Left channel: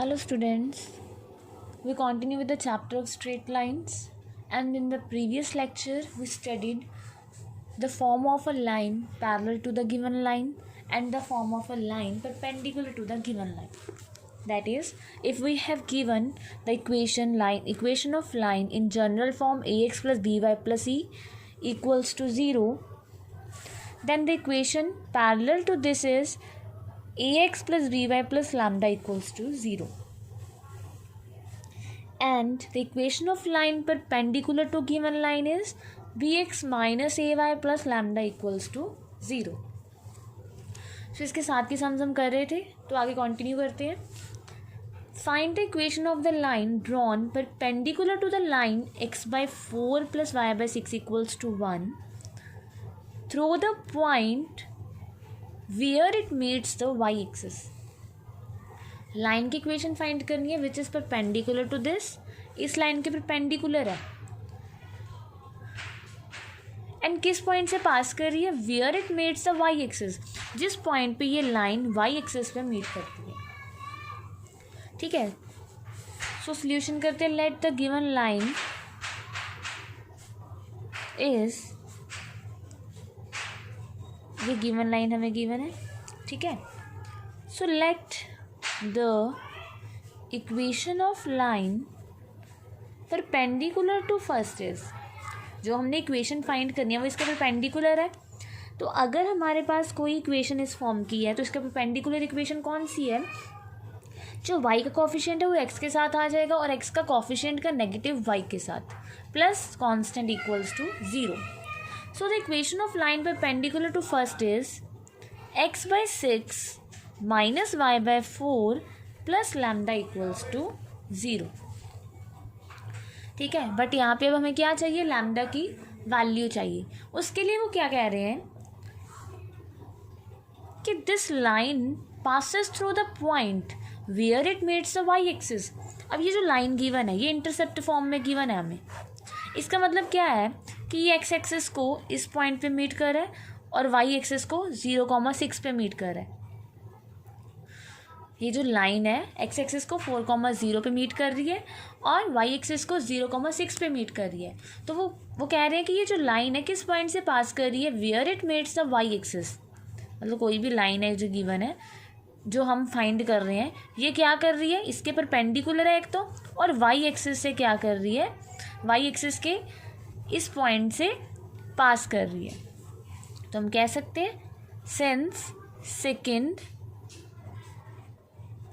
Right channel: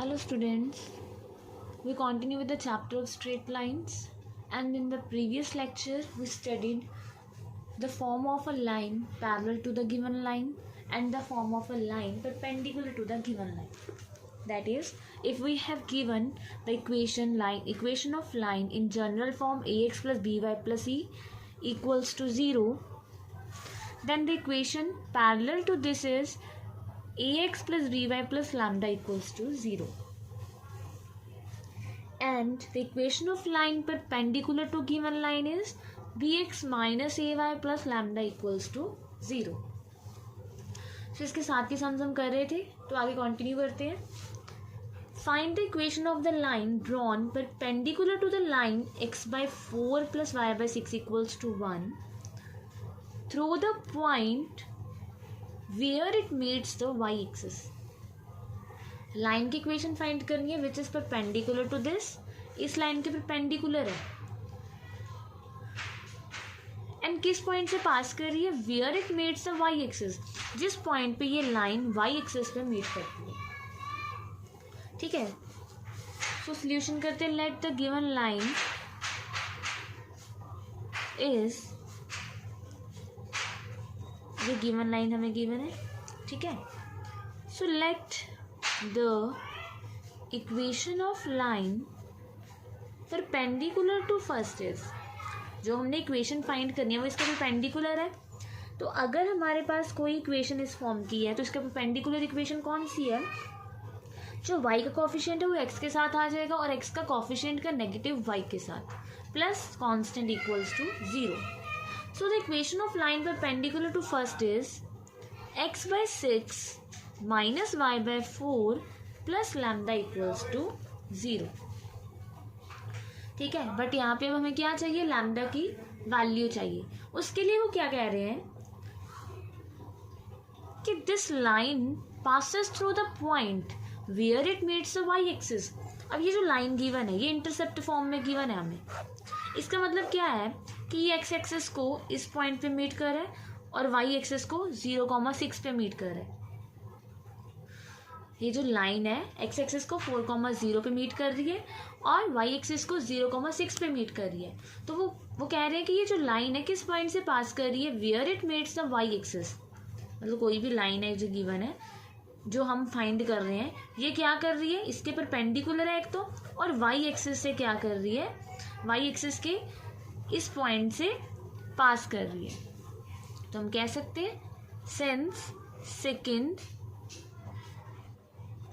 Hello students, we continue with the chapter of straight lines, and in the previous lecture we studied the form of a line parallel to the given line and the form of a line perpendicular to the given line. That is, if we have given the equation of line in general form ax plus by plus c equals to 0, then the equation parallel to this is ax plus by plus lambda equals to 0. And the equation of line perpendicular to given line is bx minus ay plus lambda equals to 0. So इसके साथ के sums हम कर रहे थे, तो आगे continue करते हैं. Find the equation of the line drawn perpendicular to the line x by 4 plus y by 6 equals to 1 through the point where it meets the y-axis. Line की इक्वेशन फाइंड करनी है which is perpendicular to this. इस line के perpendicular है and किस point से pass कर रही है, where it meets the y axis, जिस पॉइंट पे ये लाइन वाई एक्सिस पे मीट करती है. ठीक है, सो सॉल्यूशन करते हैं. Let the given line is, ये गिवन लाइन हमें गिवन है. ठीक है, so let the equation of line perpendicular to first is, जो हमने इक्वेशन फाइंड करनी है वो इसका परपेंडिकुलर है. तो अगर हमारे पास कोई इक्वेशन इस फॉर्म की है तो इसका परपेंडिकुलर इक्वेशन कौन सी है, जो y का कॉफिशिएंट है वो x के साथ आ जाएगा और x का कॉफिशिएंट का नेगेटिव y के साथ plus constant equals to 0. So the equation of line perpendicular to first is x by 6 minus y by 4 plus lambda equals to 0. ठीक है, बट यहाँ पे अब हमें क्या चाहिए, लैम्डा की वैल्यू चाहिए. उसके लिए वो क्या कह रहे हैं कि this line passes through the point where it meets the y axis. अब ये जो लाइन गिवन है ये इंटरसेप्ट फॉर्म में गिवन है हमें. इसका मतलब क्या है कि ये एक्स एक्सिस को इस पॉइंट पे मीट कर रहा है और वाई एक्सिस को 0,6 पे मीट कर रहा है. ये जो लाइन है एक्स एक्सिस को 4,0 पे मीट कर रही है और वाई एक्सिस को 0,6 पे मीट कर रही है. तो वो कह रहे हैं कि ये जो लाइन है किस पॉइंट से पास कर रही है, where it meets the y axis. मतलब कोई भी लाइन है जो गिवन है जो हम फाइंड कर रहे हैं, ये क्या कर रही है, इसके परपेंडिकुलर है एक तो, और वाई एक्सिस से क्या कर रही है, वाई एक्सिस के इस पॉइंट से पास कर रही है. तो हम कह सकते हैं since second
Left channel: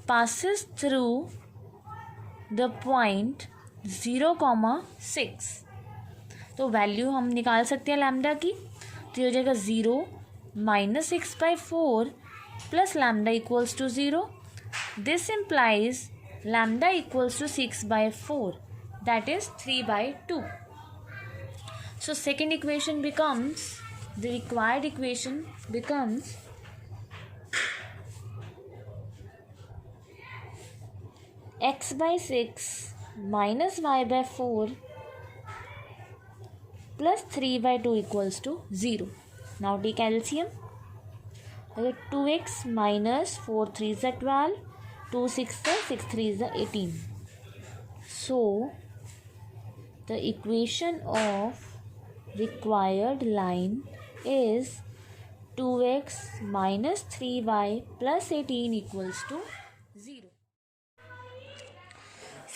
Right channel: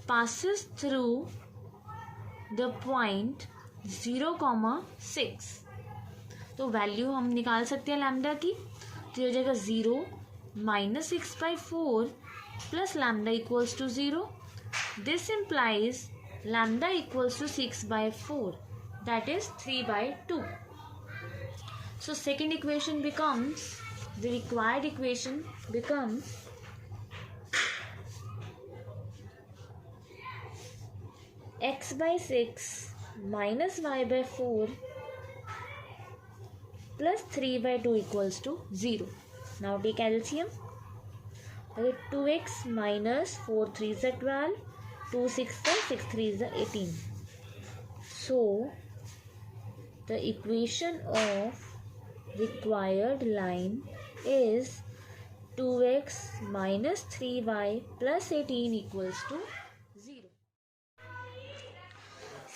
passes through the point 0,6. तो वैल्यू हम निकाल सकते हैं लैम्डा की. तो हो जाएगा 0 minus 6 by 4 plus lambda equals to 0. This implies lambda equals to 6 by 4, that is 3 by 2. So second equation becomes, the required equation becomes x by 6 minus y by 4 plus 3 by 2 equals to 0. Now take LCM. 2x minus 4 3 is 12, 2 6 6 3 is 18. So the equation of required line is 2x minus 3y plus 18 equals to 0.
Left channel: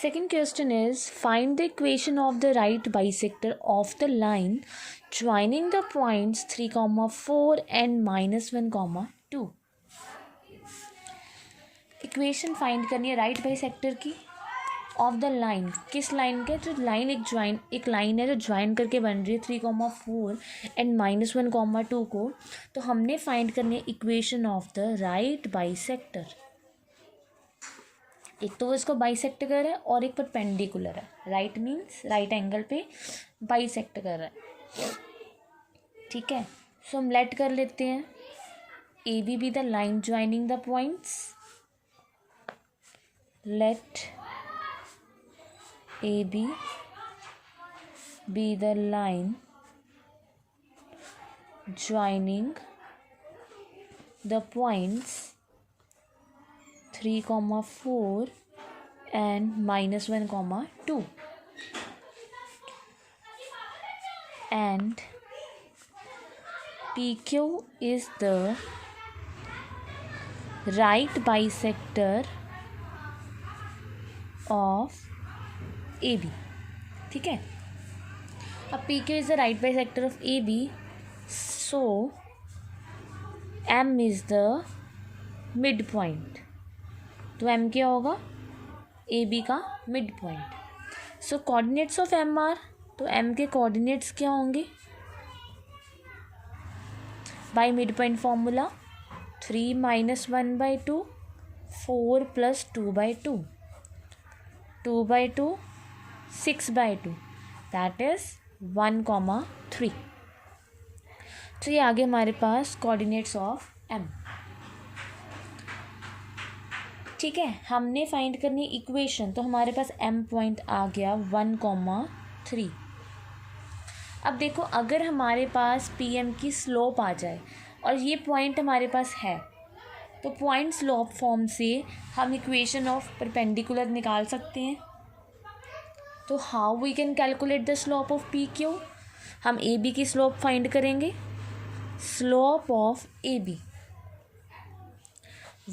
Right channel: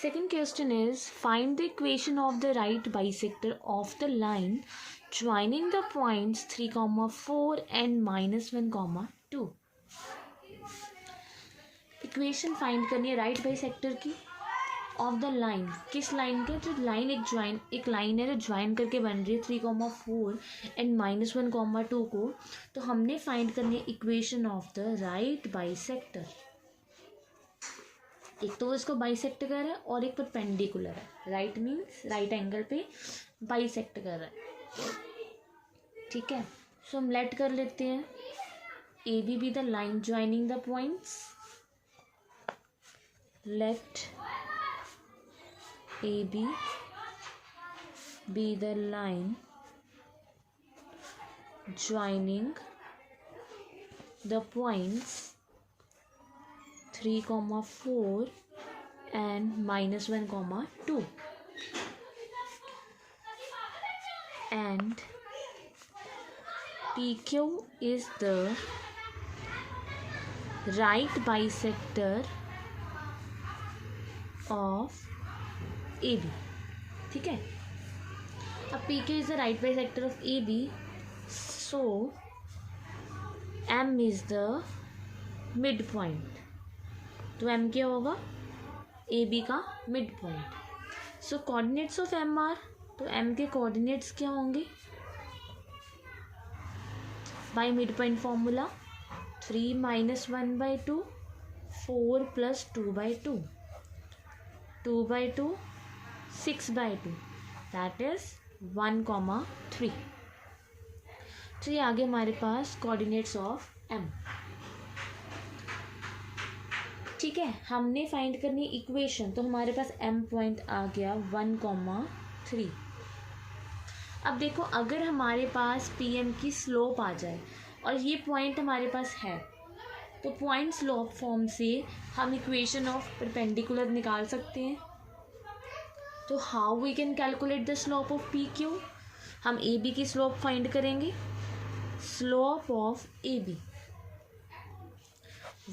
Second question is, find the equation of the right bisector of the line joining the points 3,4 and -1,2. Equation find करनी है right bisector की of the line. किस line के, जो line एक line है जो join करके बन रही है 3,4 एंड -1,2 को. तो हमने फाइंड करनी है equation of the right bisector. एक तो वो इसको बाइसेक्ट कर रहा है और एक परपेंडिकुलर है. राइट मीन्स राइट एंगल पे बाइसेक्ट कर रहा है. ठीक है, सो हम लेट कर लेते हैं A B the line joining the points. Let A B the line joining the points 3,4 and minus 1 comma 2, and PQ is the right bisector of AB. ठीक है, अब PQ is the right bisector of AB, so M is the midpoint. तो M क्या होगा? AB का mid point. So coordinates of M are, तो M के coordinates क्या होंगे? By mid point formula 3 minus 1/2, 4 plus 2/2, 2/2, 6/2, that is 1,3. तो ये आगे हमारे पास कोऑर्डिनेट्स ऑफ M. ठीक है, हमने फाइंड करनी इक्वेशन, तो हमारे पास M पॉइंट आ गया 1,3. अब देखो, अगर हमारे पास PM की स्लोप आ जाए और ये पॉइंट हमारे पास है, तो पॉइंट स्लोप फॉर्म से हम इक्वेशन ऑफ परपेंडिकुलर निकाल सकते हैं. तो how we can calculate the slope of PQ? हम AB की स्लोप फाइंड करेंगे. Slope of AB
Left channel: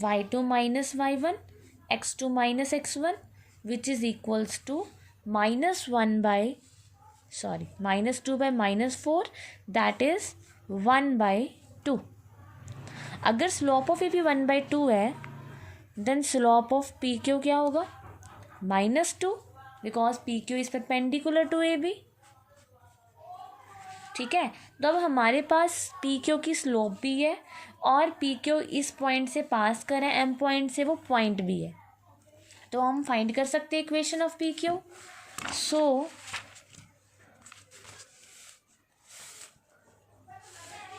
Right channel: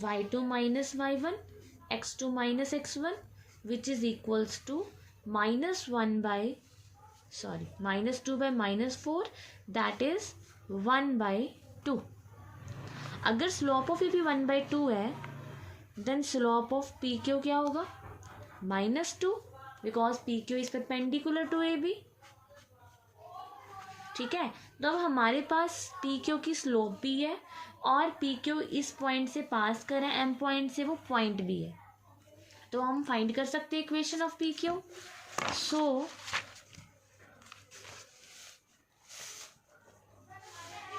y2 minus y1 x2 minus x1 which is equals to minus 2 by minus 4, that is 1/2. अगर slope of AB 1/2 है, then slope of PQ क्या होगा? -2, because PQ is perpendicular to AB. ठीक है, तो अब हमारे पास PQ की स्लोप भी है और PQ इस पॉइंट से पास कर रहे हैं, M पॉइंट से, वो पॉइंट भी है, तो हम फाइंड कर सकते हैं equation of PQ. So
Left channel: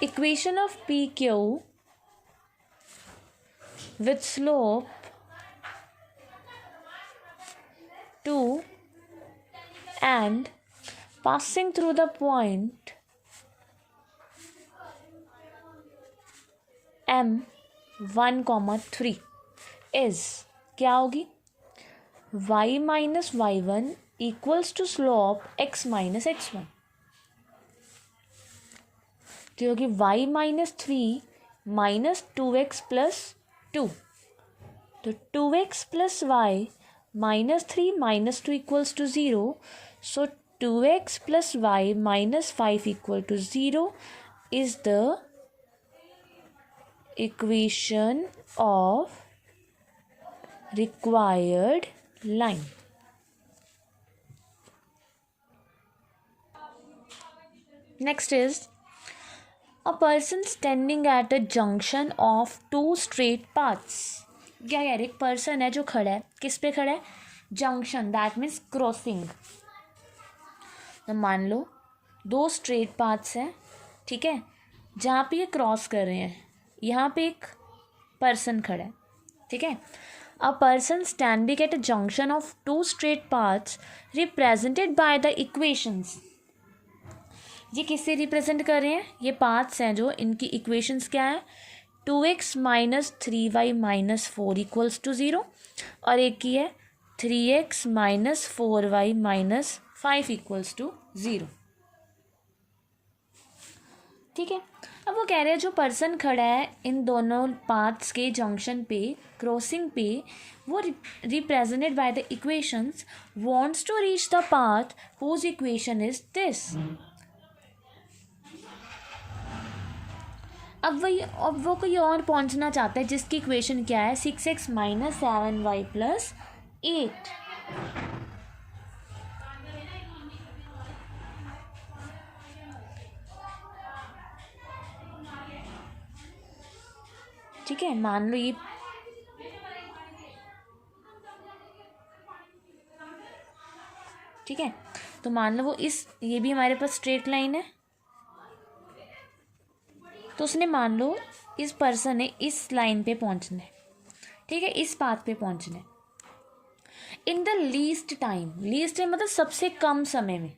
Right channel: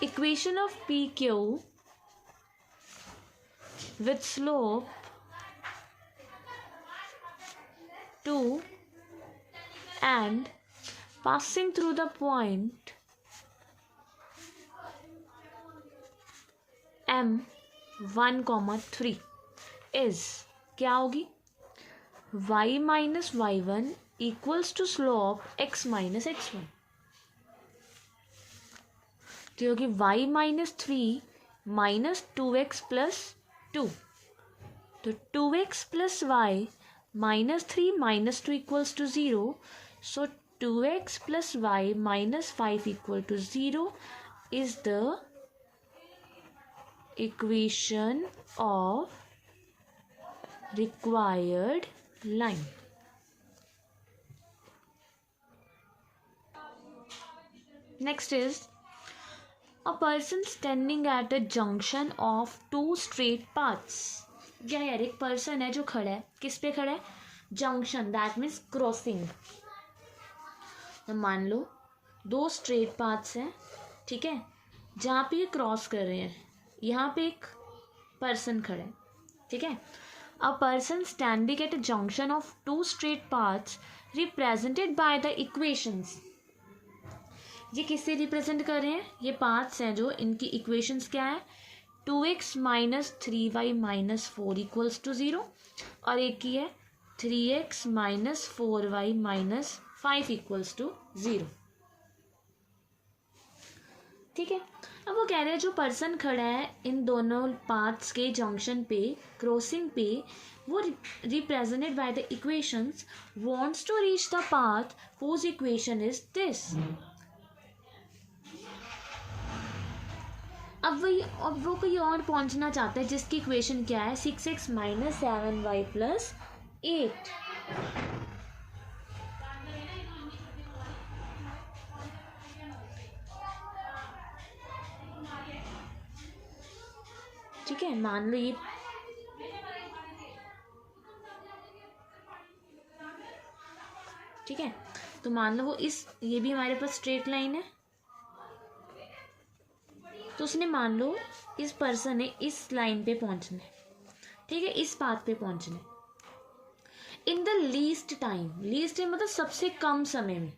equation of PQ with slope 2 and passing through the point M 1,3 is क्या होगी? y minus y1 equals to slope x minus x1. तो होगी y minus 3 minus 2x plus 2. तो 2x plus y minus 3 minus 2 equals to 0. So 2x plus y minus 5 equal to 0 is the equation of required line. Next is a person standing at a junction of two straight paths. क्या यार, एक person है जो खड़ा है, किस पे खड़ा है? Junction, that means crossing. तो मान लो दो स्ट्रेट पाथ्स हैं, ठीक है, जहाँ पे ये क्रॉस कर रहे हैं. यहाँ पे एक पर्सन खड़ा है, ठीक है. A person standing at a junction of two straight paths represented by the equations. ये किससे रिप्रेजेंट कर रहे हैं? ये पाथ्स हैं जो, इनकी इक्वेशंस क्या है? 2x minus 3y minus 4 equals to 0, और एक की है 3x minus 4y minus 5 equals to 0. ठीक है, अब वो कह रहे हैं जो पर्सन खड़ा है इन दोनों पाथ्स के जंक्शन पे, क्रॉसिंग पे, वो represented by the equations wants to reach the path whose equation is this. अब वो कोई और पहुंचना चाहता है जिसकी इक्वेशन क्या है? 6x minus 7y plus 8. ठीक है, मान लो ये ठीक है, तो मान लो वो ये भी हमारे पास स्ट्रेट लाइन है, तो उसने मान लो इस पर्सन ने इस लाइन पे पहुंचना है, ठीक है, इस पाथ पे पहुंचना है in the least time. Least time मतलब सबसे कम समय में.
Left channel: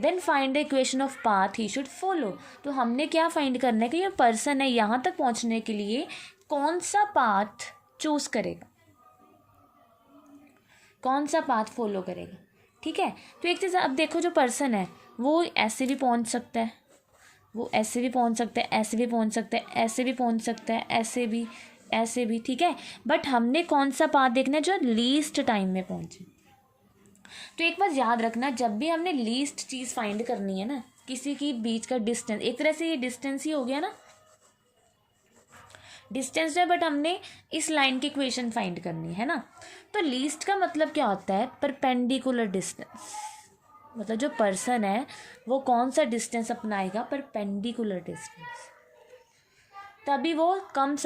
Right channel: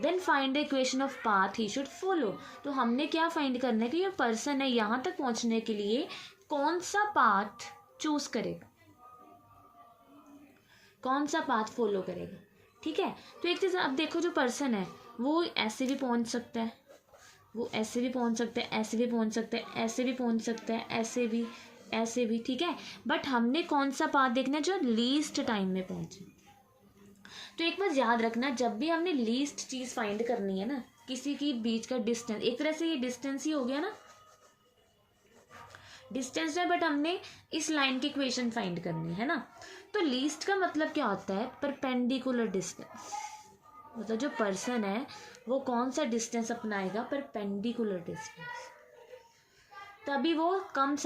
Then find the equation of path he should follow. तो हमने क्या फाइंड करना है कि ये पर्सन है यहाँ तक पहुँचने के लिए कौन सा पाथ चूज करेगा. कौन सा पाथ फॉलो करेगा, ठीक है। तो एक चीज़ अब देखो, जो पर्सन है वो ऐसे भी पहुंच सकता है, वो ऐसे भी पहुंच सकता है, ऐसे भी पहुंच सकता है, ऐसे भी पहुंच सकता है, ऐसे भी, ठीक है। बट हमने कौन सा पाथ देखना है जो लीस्ट टाइम में पहुंचे। तो एक बात याद रखना, जब भी हमने लीस्ट चीज़ फाइंड करनी है ना, किसी की बीच का डिस्टेंस, एक तरह से ये डिस्टेंस ही हो गया ना, डिस्टेंस है, बट हमने इस लाइन की इक्वेशन फाइंड करनी है ना। तो लीस्ट का मतलब क्या होता है, परपेंडिकुलर डिस्टेंस। मतलब जो पर्सन है वो कौन सा डिस्टेंस अपनाएगा, परपेंडिकुलर डिस्टेंस, तभी वो कम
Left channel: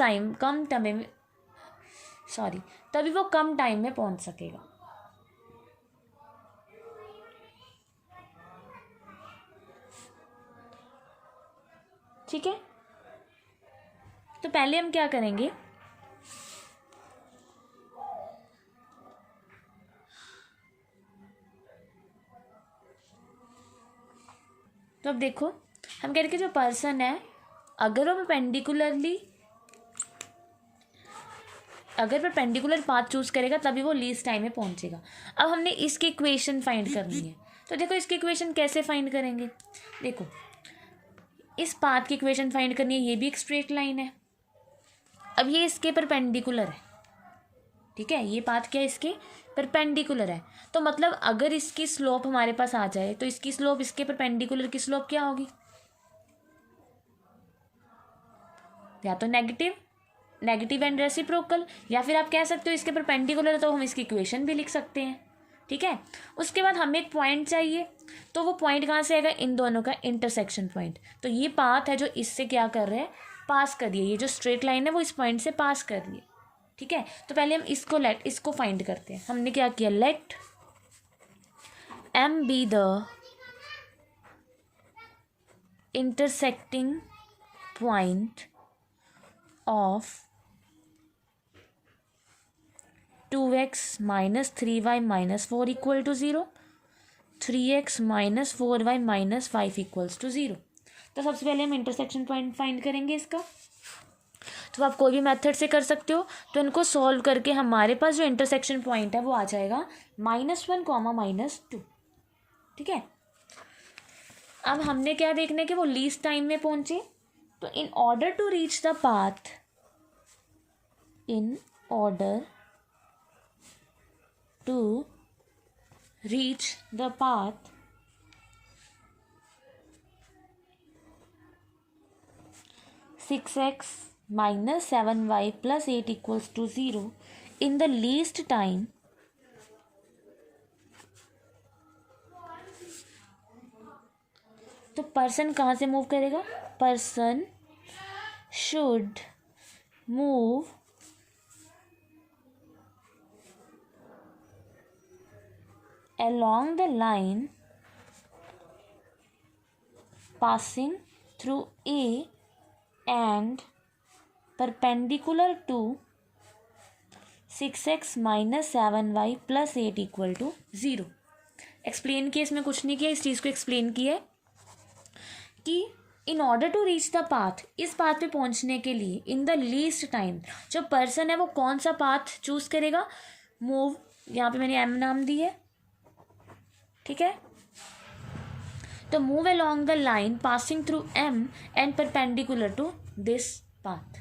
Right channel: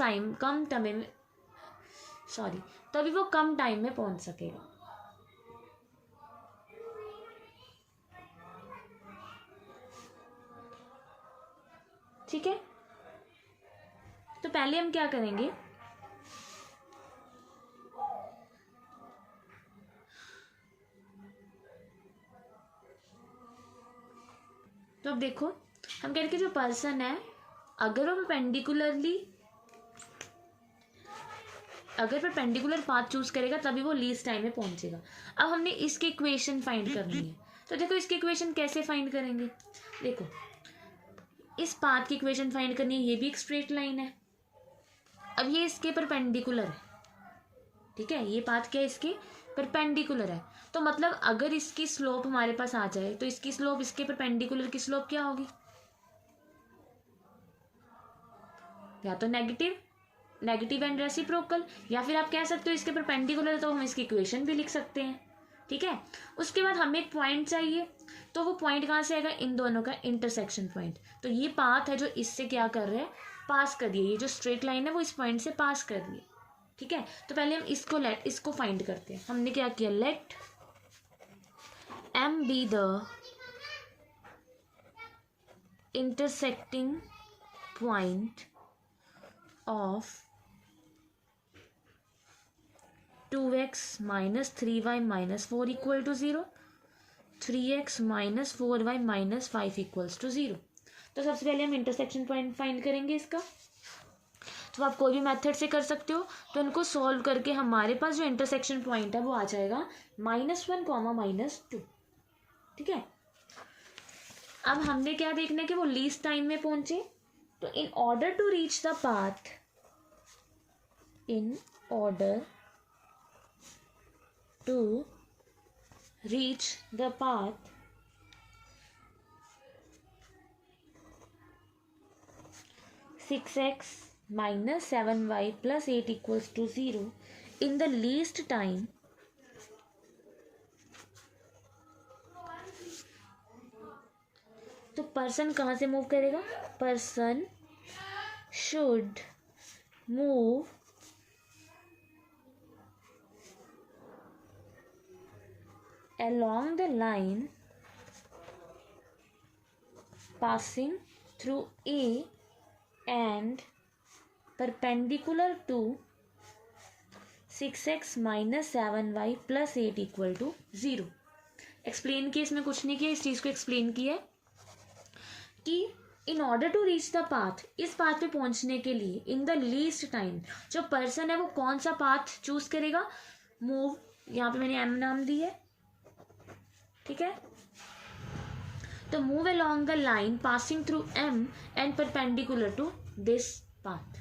टाइम में पहुंच सकेगा। ठीक है, तो पहले हम क्या करेंगे, तो अब देखो हम कह रहे कि जो पर्सन है अगर परपेंडिकुलर पाथ चूज करेगा तभी वो लीस्ट टाइम में पहुंचेगा। अब हमने इसकी इक्वेशन फाइंड करनी है, तो देखो इसकी इक्वेशन कैसे फाइंड करेंगे। देखो इस पाथ की इक्वेशन फाइंड करनी है, ये भी एक स्ट्रेट लाइन है, अब ये इसके परपेंडिकुलर है, ठीक है, ये पाथ क्या है, इसके परपेंडिकुलर है। तो मतलब अगर इसकी स्लोप हमारे पास आ जाए तो इसकी स्लोप इसके परपेंडिकुलर की स्लोप क्या होगी, या तो नेगेटिव एंड रेसिप्रोकल, या फिर आप कह सकते हो इसके परपेंडिकुलर, तो हम इसकी इक्वेशन भी लिख सकते हैं, ठीक है। उसके बाद हमें एक पॉइंट चाहिए, तो वो पॉइंट कहाँ से आएगा, इन दोनों का इंटरसेक्शन पॉइंट। तो ये पाथ है जो इससे क्या कर रहे हैं, पास कर रही है, ये जो स्ट्रेट लाइन है वो इस पॉइंट से पास कर रही है, ठीक है। तो पहले हम इसको फाइंड करते हैं। हमने क्या किया, late M be the intersecting point of 2x minus 3y minus 4 equal to 0, 3x minus 4y minus 5 equals to 0। तो सबसे पहले हम इंटरसेक्शन पॉइंट फाइंड करेंगे इसका। तो आप कोई भी मेथड से कर सकते हो, तो इनको सॉल्व करके हमारे पास जो इंटरसेक्शन पॉइंट है वो आ जाएगा -1, -2, ठीक है। अब हमने क्या देखना है कि वो लीस्ट टाइम में पहुंचे, तो in order to reach the path, in order to reach the path, (6x minus 7y plus 8 equals to 0) in the least time, तो पर्सन कहाँ से मूव करेगा, person should move along the line passing through A and perpendicular to 6x minus 7y plus 8 equal to 0। Explain किया, इसमें कुछ नहीं किया, इस चीज़ को एक्सप्लेन किया है कि in order to reach the path, इस पाथ पे पहुंचने के लिए इन द लीस्ट टाइम जो पर्सन है वो कौन सा पाथ चूज करेगा, मूव, यहाँ पे मैंने M नाम दी है, ठीक है। तो move along the line passing through M and perpendicular to this path,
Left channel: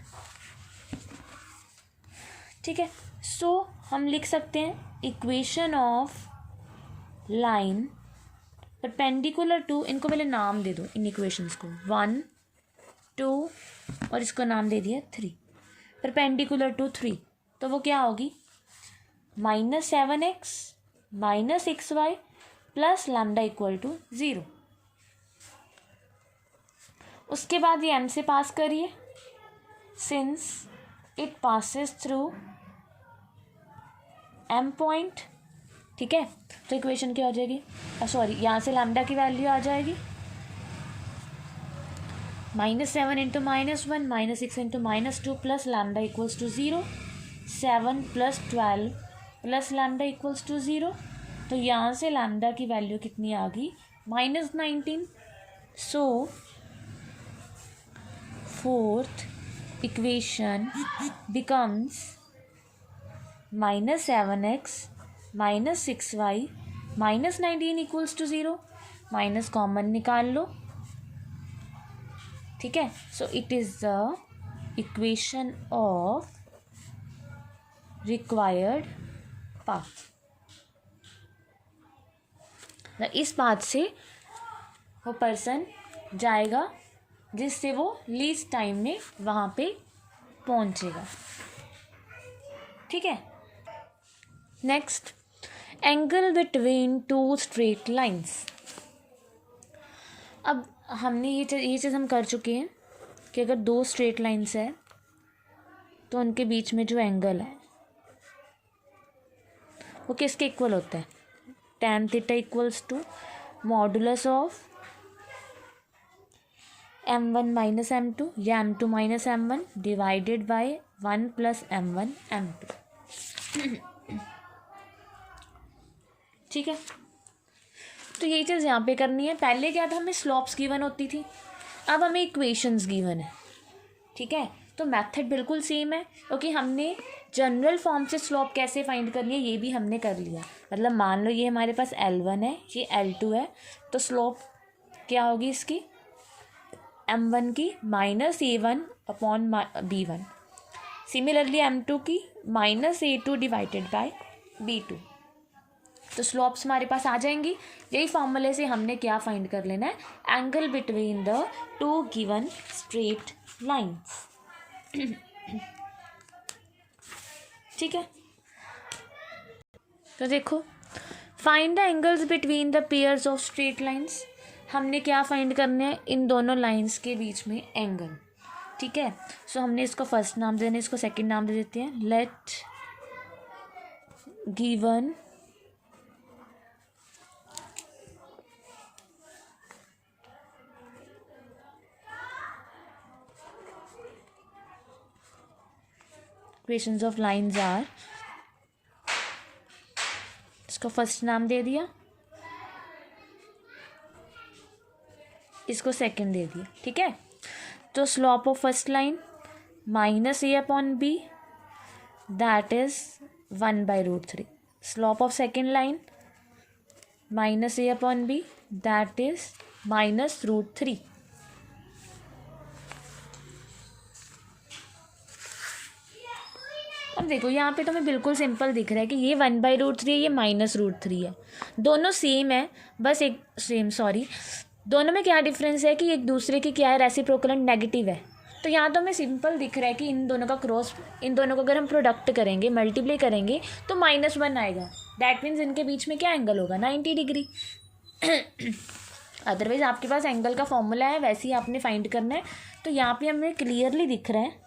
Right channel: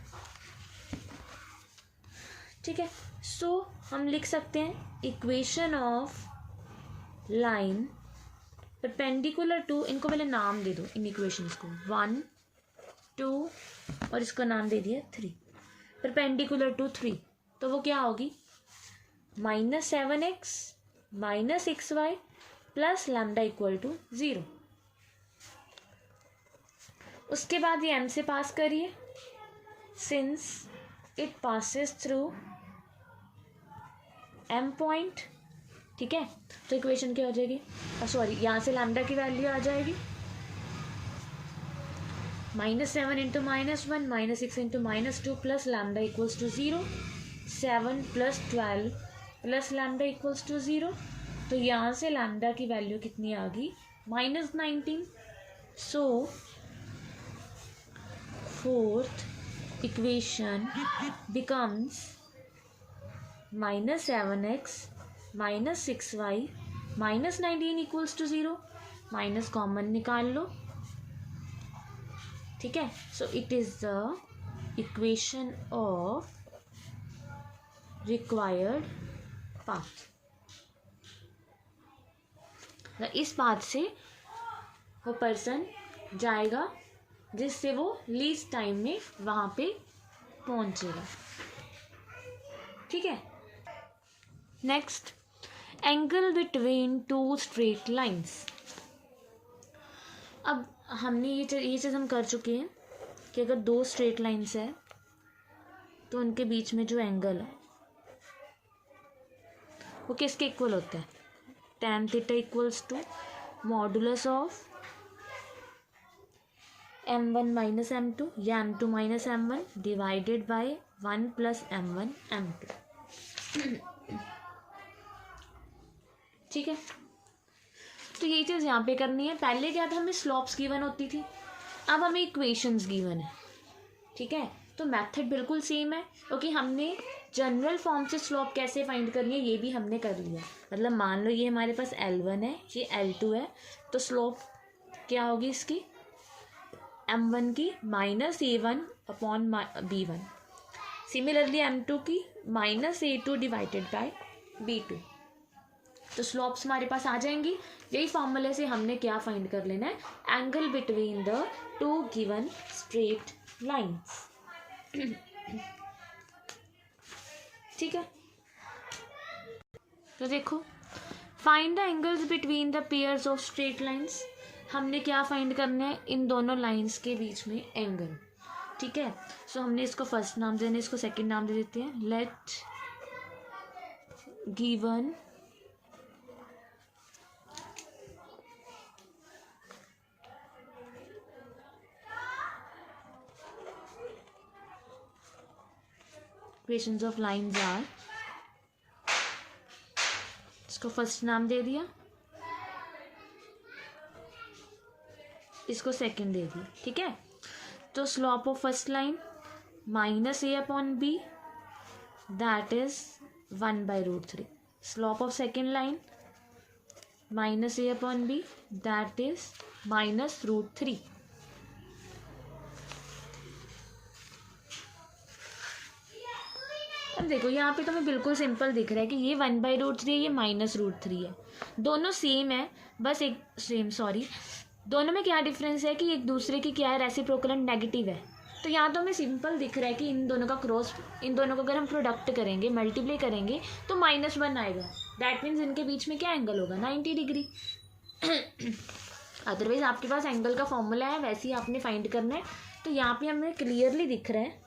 ठीक है। सो हम लिख सकते हैं equation of line perpendicular to, इनको पहले नाम दे दो इन इक्वेशंस को, 1, 2 और इसको नाम दे दिया 3, परपेंडिकुलर टू 3, तो वो क्या होगी, -7x minus 6y plus lambda equal to 0। उसके बाद ये M से पास करिए, since it passes through M point, ठीक है। तो इक्वेशन क्या हो जाएगी, सॉरी यहाँ से लैम्डा की वैल्यू आ जाएगी -7 into -1 -6 into -2 plus lambda equals to 0, 7 + 12 plus lambda equals to 0। तो यहाँ से लैम्डा की वैल्यू कितनी आ गई, -19। So fourth equation becomes -7x minus 6y minus 19 equals to 0, minus common निकाल लो, ठीक है. So it is the equation of required path. इस पाथ से वो पर्सन जाएगा जिससे वो लीस्ट टाइम में वहाँ पे पहुँचेगा, ठीक है. Next, angle between two straight lines. अब हमने ये चीज़ हम कर चुके हैं कि अगर दो स्ट्रेट लाइंस है तो उनके बीच में जो एंगल है वो किसके इक्वल होता है. tan theta equals to modulus of m1 minus m2 या m2 minus m1 divided by 1 plus m1 m2, ठीक है. तो ये चीज़ यहाँ पे करनी है. पहले क्या था, हमें स्लॉप्स गिवन होती थी, अब हमें इक्वेशंस गिवन है, ठीक है. तो मेथड बिल्कुल सेम है, क्योंकि हमने जनरल फॉर्म से स्लॉप कैसे फाइंड करनी है ये भी हमने कर लिया. मतलब मान लो ये हमारे पास L1 है, ये L2 है, तो स्लॉप क्या होगी इसकी, M1 की minus A1 upon B1. Similarly M2 की minus A2 divided by B2. तो स्लॉप्स हमारे पास आ जाएंगी. यही फॉर्मूले से हमने क्या फाइंड कर लेना है, angle between the two given straight lines, ठीक है. तो देखो, find the angles between the pairs of straight lines. हमने क्या फाइंड करना है, इन दोनों लाइंस के बीच में एंगल, ठीक है. सो हमने इसको फर्स्ट नाम देना है, इसको सेकंड नाम दे देते हैं. Let given equations of lines are, इसको फर्स्ट नाम दे दिया, इसको सेकंड दे दिया, ठीक है. तो slope of first line minus A upon B, that is 1/√3. Slope of second line minus A upon B, that is -√3. अब देखो यहाँ पे तुम्हें बिल्कुल सिंपल दिख रहा है कि ये 1/√3 है, ये -√3 है. दोनों सेम है, बस एक दोनों में क्या डिफरेंस है कि एक दूसरे की क्या है, रेसिप्रोकल एंड नेगेटिव है. तो यहाँ तो हमें सिंपल दिख रहा है कि इन दोनों का क्रॉस, इन दोनों को अगर हम प्रोडक्ट करेंगे, मल्टीप्लाई करेंगे तो -1 आएगा. दैट मीन्स इनके बीच में क्या एंगल होगा, 90 डिग्री. अदरवाइज आपके पास एंगल का फॉर्मूला है, वैसे ही आपने फाइंड करना है. तो यहाँ पे हमें क्लियरली दिख रहा है,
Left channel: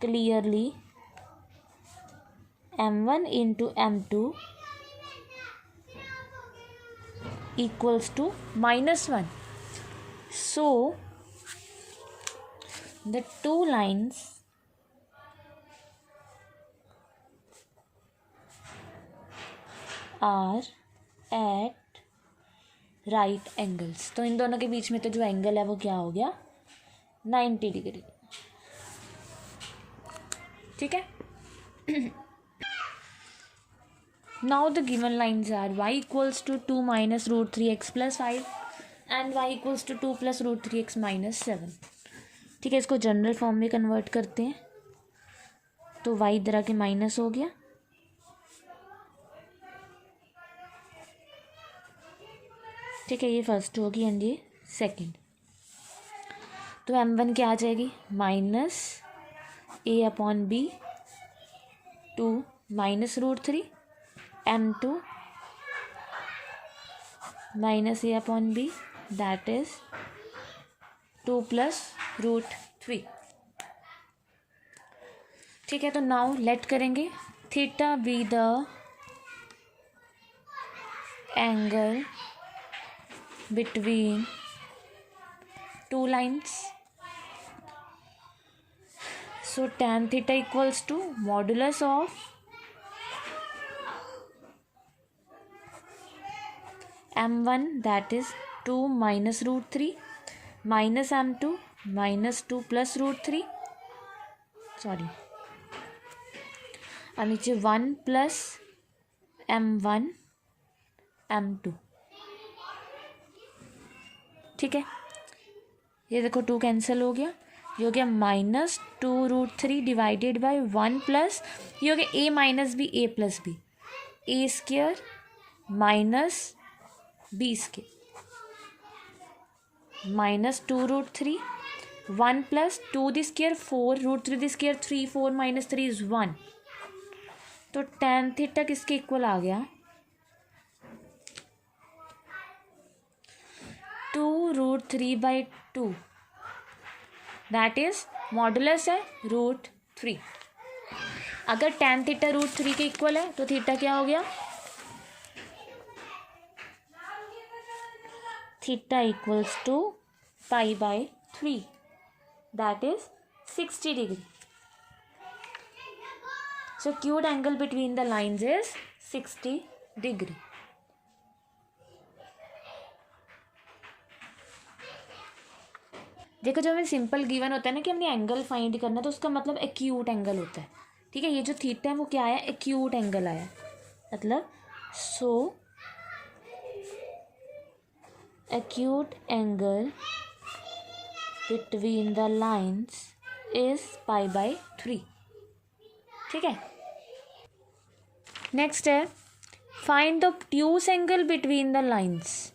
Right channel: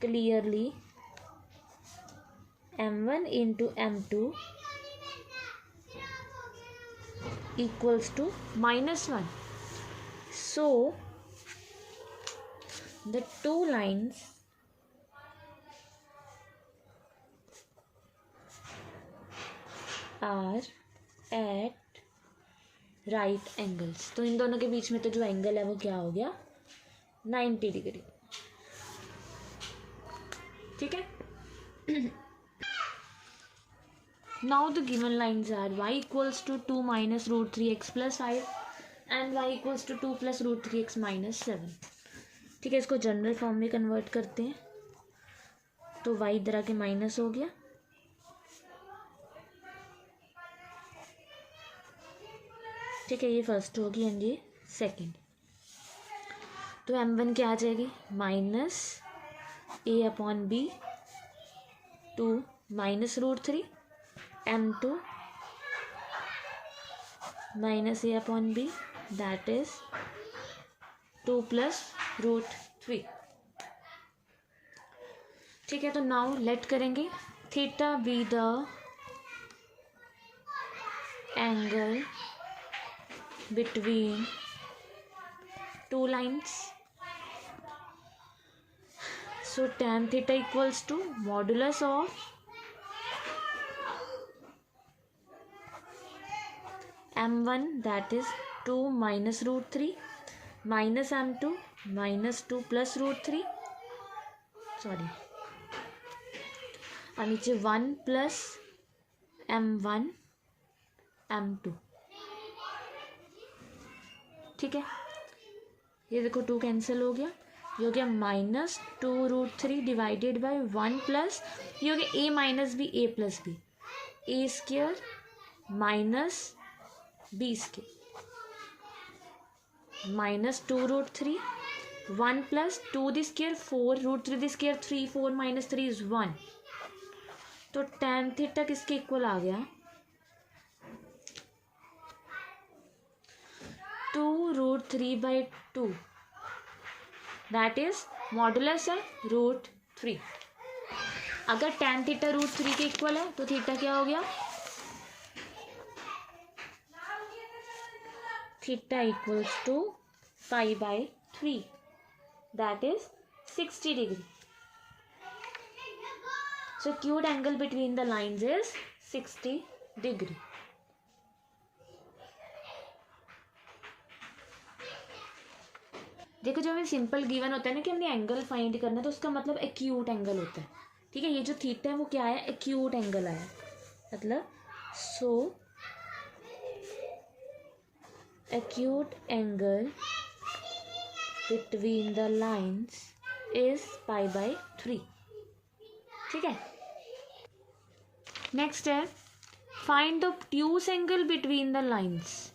clearly m1 into m2 equals to -1. So the two lines are at right angles. तो इन दोनों के बीच में तो जो एंगल है वो क्या हो गया, 90 डिग्री, ठीक है. Now the given lines are y equals to 2 minus √3x plus 5 and y equals to 2 plus √3x minus 7. ठीक है, इसको जनरल फॉर्म में कन्वर्ट करते हैं. तो y इधर आके माइनस हो गया, ठीक है, ये फर्स्ट होगी एंड ये सेकंड. तो m1 क्या आ जाएगी, minus A upon B 2 minus √3, m2 minus A upon B, that is 2 plus √3. ठीक है, तो नाउ लेट करेंगे theta be the angle between two lines. So tan theta equals to modulus of m1 that is 2 minus √3 minus m2 minus 2 plus √3. और नीचे 1 plus m1 m2, ठीक है। ये देखो 2 कैंसिल हो गया, ये हो गया -2√3 डिवाइडेड बाय 1 प्लस, ये हो गया a minus b a plus b, a square minus b square -2√3 1 plus 2 the square 4 √3 the square 3 4 minus 3 is 1। तो tan थीटा किसके इक्वल आ गया, 2√3/2, दैट इज मॉडुलस है √3। अगर tan थीटा √3 के इक्वल है तो थीटा क्या हो गया, theta equals to π/3, that is 60 degree. So acute angle between the lines is 60 degree. देखो जब हमें सिंपल गिवन होता है ना कि हमने एंगल फाइंड करना, तो उसका मतलब एक्यूट एंगल होता है, ठीक है। ये जो थीटा है वो क्या आया, एक्यूट एंगल आया, मतलब so acute angle between the lines is π/3, ठीक है। नेक्स्ट है find the obtuse angle between the lines,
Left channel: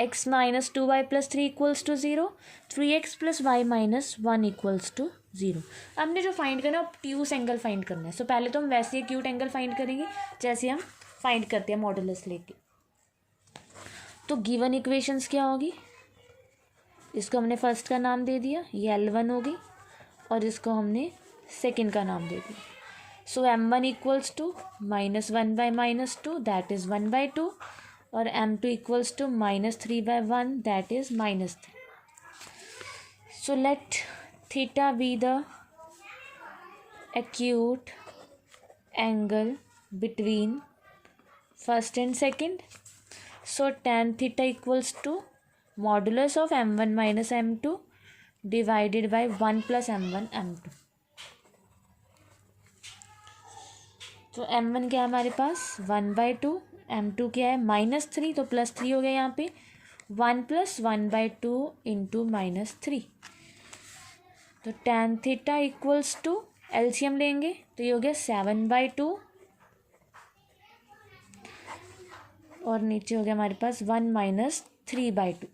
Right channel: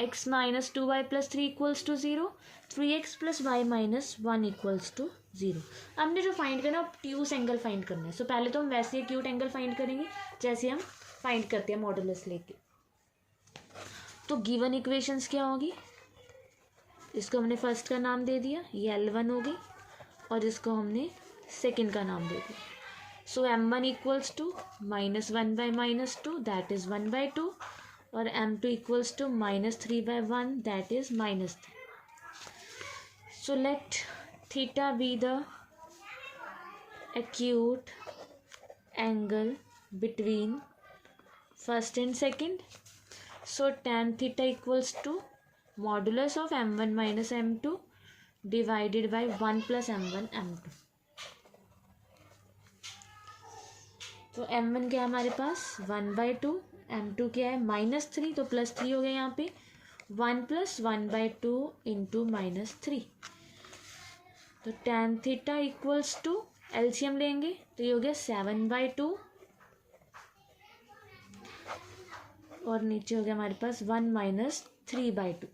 x minus 2y plus 3 equals to 0, 3x plus y minus 1 equals to 0। हमने जो फाइंड करना है ऑब्ट्यूज एंगल फाइंड करना है। सो पहले तो हम वैसे ही एक्यूट एंगल फाइंड करेंगे जैसे हम फाइंड करते हैं मॉडुलस लेके। तो गिवन इक्वेशंस क्या होगी, इसको हमने फर्स्ट का नाम दे दिया, ये L1 होगी, और इसको हमने सेकंड का नाम दे दिया। So m1 equals to -1/-2, that is 1/2, और m2 equals to -3/1, that is -3। So let theta be the acute angle between first and second. So tan theta equals to modulus of m1 minus m2 divided by 1 plus m1 m2। तो m1 क्या है हमारे पास 1/2, m2 क्या है -3, तो +3 हो गया यहाँ पे, 1 + 1/2 इंटू -3। तो tan theta equals to LCM लेंगे तो ये हो गया 7/2, और नीचे हो गया हमारे पास 1 - 3/2।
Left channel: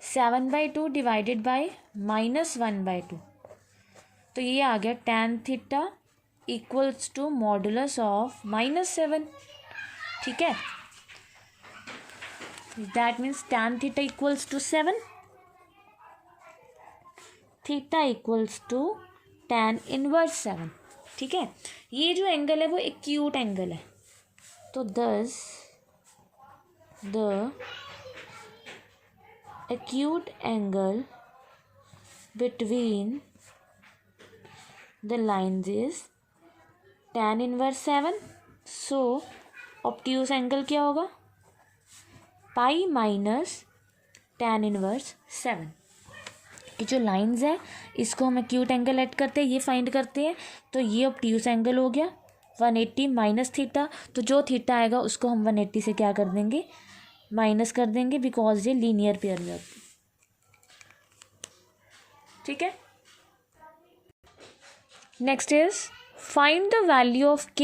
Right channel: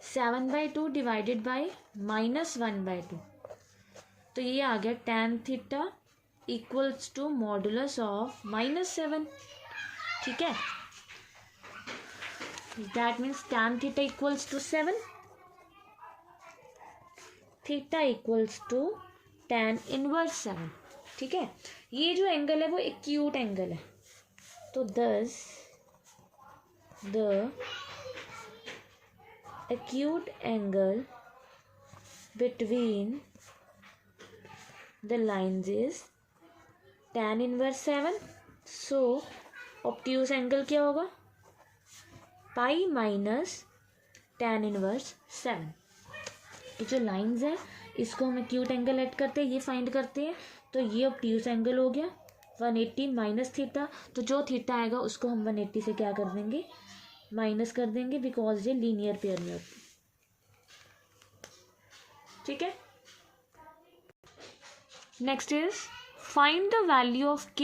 7/2 डिवाइडेड बाय -1/2, तो ये आ गया tan theta equals to modulus of -7, ठीक है। That means tan theta equals to 7, theta equals to tan inverse 7, ठीक है। ये जो एंगल है वो एक्यूट एंगल है, तो दस the acute angle between the lines is tan inverse 7। so obtuse angle क्या होगा, पाई माइनस tan इनवर्स 7। ये जो लाइंस है इसको हम एक्यूट एंगल ऐड करते हैं, ये फाइंड करते हैं, तो ये ऑब्ट्यूज एंगल हो गया 180 माइनस थीटा। तो जो थीटा आएगा उसको हम 180 से क्या कर देंगे, माइनस कर देंगे, बिकॉज ये लीनियर पेयर में होती है, ठीक है। Next is find the value of k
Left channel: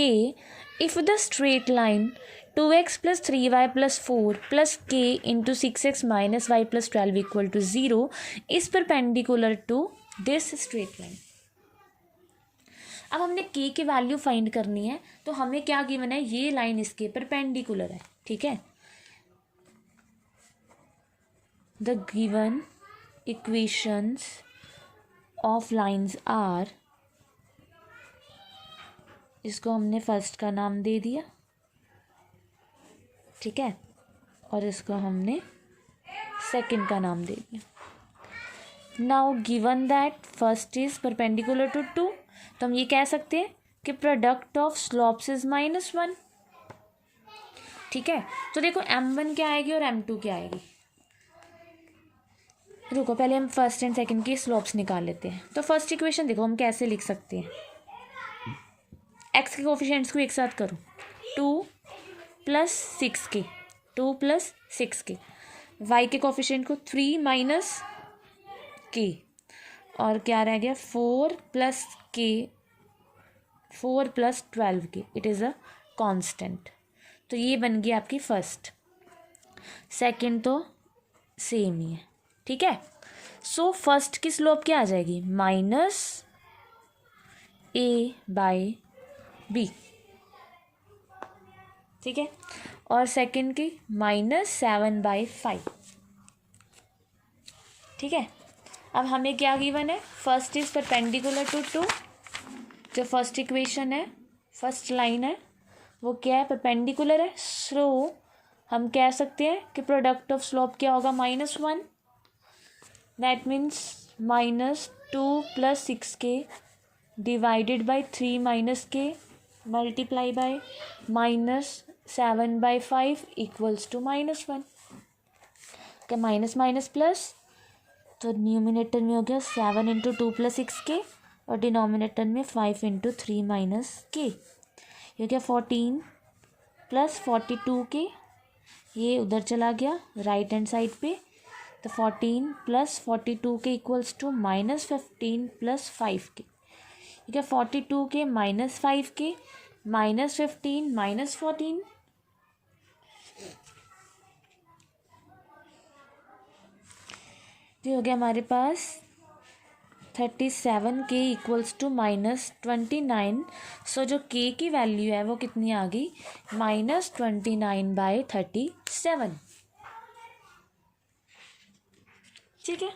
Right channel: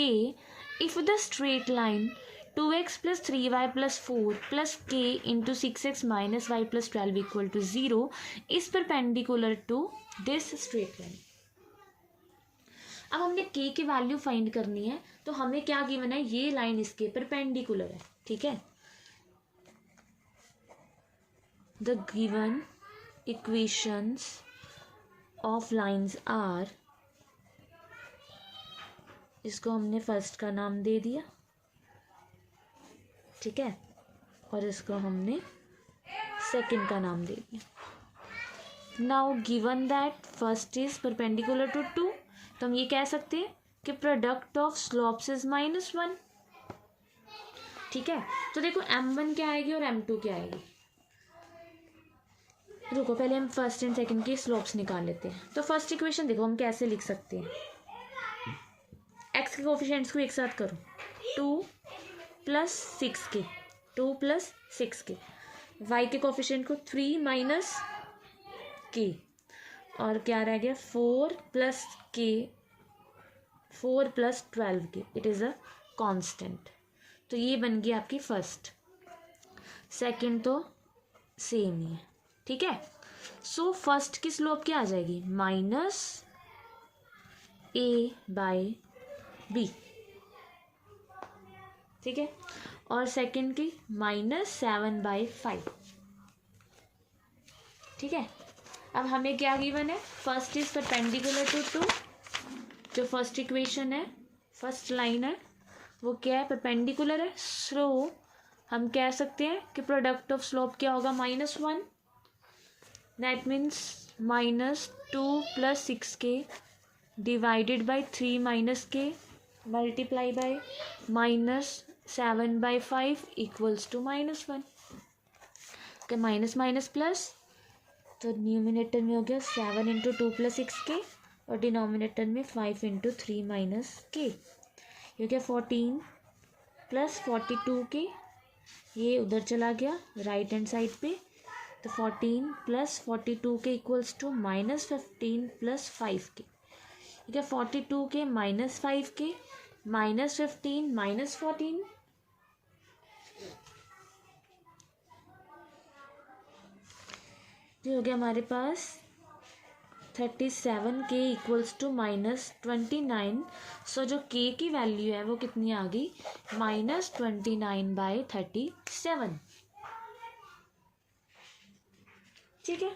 if the straight line 2x + 3y + 4 + k into 6x - y + 12 equal to 0 is perpendicular to this straight line. अब हमने k की वैल्यू फाइंड करनी है, तो हमें क्या गिवन है, ये लाइन इसके परपेंडिकुलर है, ठीक है। The given equations of lines are, इसको हमने फर्स्ट का नाम दे दिया, ठीक है, और इसको हमने सेकंड का नाम दे दिया। Now given that first is perpendicular to 2, तो हम ये कह सकते हैं कि प्रोडक्ट ऑफ स्लोप्स इज -1, ठीक है। तो देखो m1 क्या आएगी और m2 क्या आएगी, रुको पहले हम फर्स्ट एंड सेकंड की स्लोप्स निकाल लेते हैं। तो फर्स्ट इक्वेशन देखो हम कैसे लिख सकते हैं, एक्स के कोफिशिएंट्स को एक साथ करो, 2 plus 6k, 2 plus 6k, y के कोफिशिएंट को 3 माइनस k, और क्या रह गया 4 plus k, 4 plus 12k, it is a constant. तो ये बन गई आपकी फर्स्ट। सेकंड तो सेम ही है, ठीक है। सो फर्स्ट की स्लोप क्या आ जाएगी, माइनस ए बाय बी, ठीक है, और सेकंड की -7/5, ठीक है। अब हमें क्या गिवन है, फर्स्ट इज परपेंडिकुलर टू 2, जो फर्स्ट इक्वेशन है, फर्स्ट लाइन है वो क्या है, परपेंडिकुलर है। सो हम कह सकते हैं कि प्रोडक्ट ऑफ स्लोप क्या होगा, -1, that means -2 + 6k divided by 3 - k multiply by -7/5 equals to -1। का माइनस माइनस प्लस, तो न्यूमिनेटर में हो गया 7 × 2 + 6k, और डिनोमिनेटर में 5 × 3 - k, ये क्या 14 + 42k, ये उधर चला गया राइट हैंड साइड पे, तो 14 + 42k इक्वल्स टू -15 + 5k, ठीक है। 42k - 5k -15 - 14, तो हो गया हमारे पास 37k इक्वल्स टू -29। सो जो k की वैल्यू है वो कितनी आ गई, -29/37, ठीक है।